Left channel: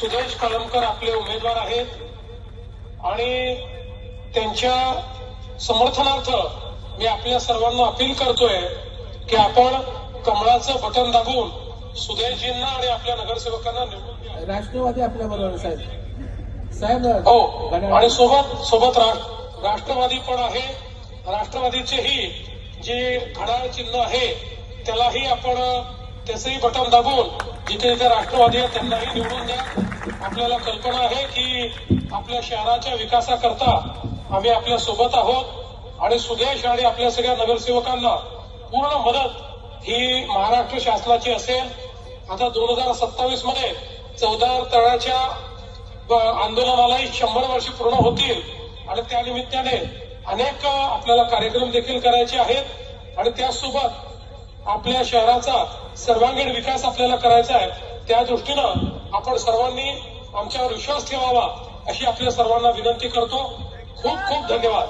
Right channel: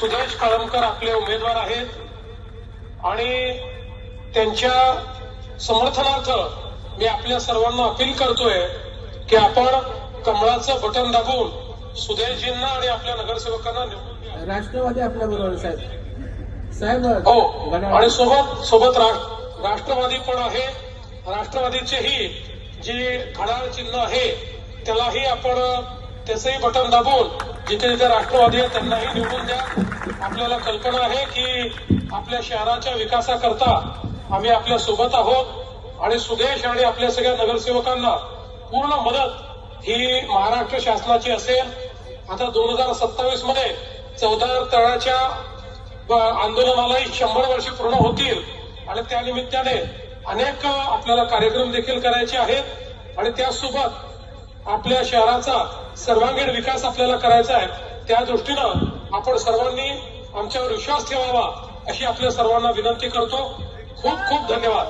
सुदेश कळमकर आपले उमेदवार आहेत. आणि त्यांच्या समर्थनार्थ मी आपल्या सर्वांना अपील करतोय की आपण कमळाचं बटन दाबून सुदेशजींना आणि आपल्या नगरसेवकांना निवडून राष्ट्रवादी आपल्या बरोबर साहेब. साहेब हो. आणि सोबत सोबत राष्ट्रवादी पण आहे. राष्ट्रवादीचेही जे घड्याळ चिन्ह आहे त्यालाही आपण त्याचंही बटन दाबून जिथे जिथे राष्ट्रवादी आहे त्यांनाही निवडून द्या. आपल्याला कल्पना आहे की आपल्या शहराच्या विकासाकरता आम्ही आपल्यासोबत आहोत आणि सुदेश आणि आपल्या सगळ्या नगरसेवकांना पूर्ण मदत ही महाराष्ट्र शासनाची असेल. आता दोन हजार सत्तावीसमध्ये चौदार तळाच्या आंदोलनालाही शंभर वर्ष पूर्ण होतील आणि त्या निमित्ताने अनेक आपल्याला कार्यक्रम देखील करायचे आहेत. आणि त्यासोबत आपल्या शहराचा सर्वांगीण विकास आपल्याला करायचा आहे त्या दृष्टीनं आपण सर्वांनी आमच्यावर विश्वास ठेवावा अशी आपल्या सर्वांना विनंती करतो. खूप खूप धन्यवाद.